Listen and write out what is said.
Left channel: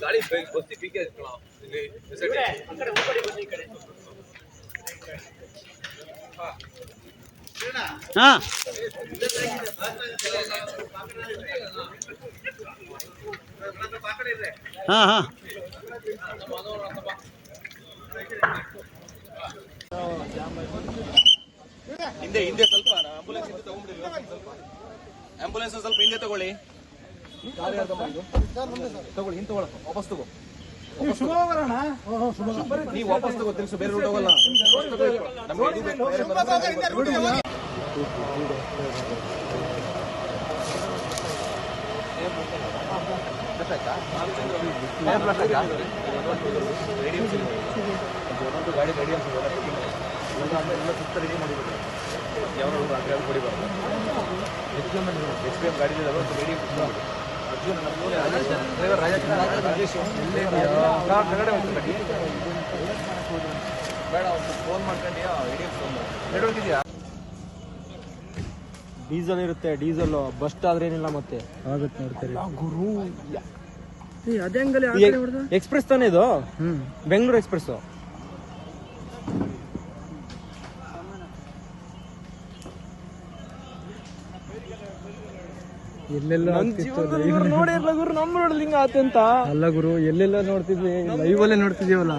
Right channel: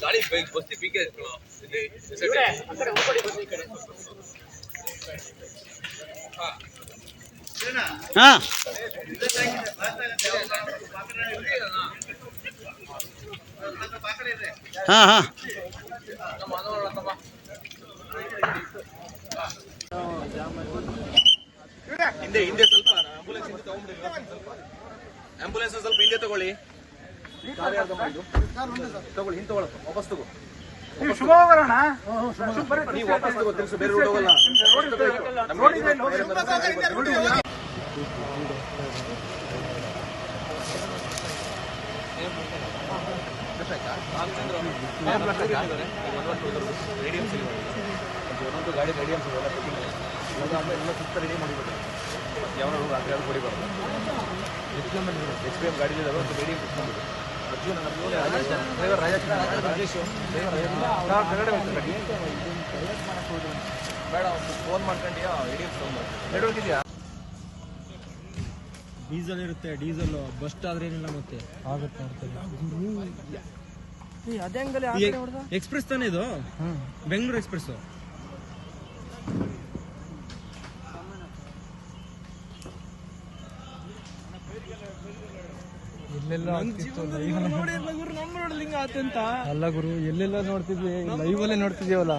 ಗಾಡಿ ಬಸ್ತಿ ಪೀಕೆ ಹಾ ಹಾ ಹಾ ಹಿಂದೆ ಹಿಂದೆ ಸ್ವಲ್ಪ ಆಂಬುಲೆನ್ಸ್ ಹಿಂದೆ ತಗೊಂಡ್ಬಿಡಿ ಆಂಬುಲೆನ್ಸ್ ಸ್ವಲ್ಪ ಹಿಂದೆ ತಗೊಳ್ಳಿ ತಗೊಳ್ಳಿ ಹಿಂದೆ ತಗೊಳ್ಳಿ ವಾಪಸ್ ತಗೋ ನೀವು ವಾಪಸ್ ತಗೋ ತಿರ್ಸು ಬೇರೆ ರೂಟ್ ಹೋಗಲ್ಲ ಒಂದೊಂದು ಗಾಡಿ ರೆಡಿ ಅಂತ ಎಲ್ಲ ಸುತ್ತ ರೆಡಿ ಮಾಡಿಬಿಟ್ಟು ಯಾವ ರಾತ್ರಿ ಅದು ಕೊಡಿಬಾರ್ದು ಎಕ್ಸ್ಪೀಎಂ ಗಾಡಿ ಇದಾವೆ ಒಂದು ರೆಡಿ ಬೇಡ ಒಂದು ಫೋನ್ ಮಾಡ್ಕೊಂಡ್ಯಾ ನೆಟ್ವರ್ಕ್ ಇದೆಯಾ ಡೀಸೆಲ್ ಇರುತ್ತೆ ಡೀಸೆಲ್ ಬಸ್ ಆದ್ರೆ ಏನಿಲ್ಲ ಮತ್ತೆ ಆಗುತ್ತೆ ಗುರು ಎಕ್ಸ್ಪ್ರೆಸ್ ತಾನೇ ಇದು ಬೆಂಗಳೂರು ಎಕ್ಸ್ಪ್ರೆಸ್ ನೋಡಿ ಗುರು ನಮ್ಮ ನೋಡ್ಲಿ ಹಿಂಗ ಆತಂತ ಅಲ್ಲ ಗುರು ಎಲ್ಲೆಲ್ಲ ನೋಡ್ತಿದ್ವಿ ಲೈವ್ ಅಲ್ಲೇ ನೋಡ್ತಿದೀವಲ್ಲ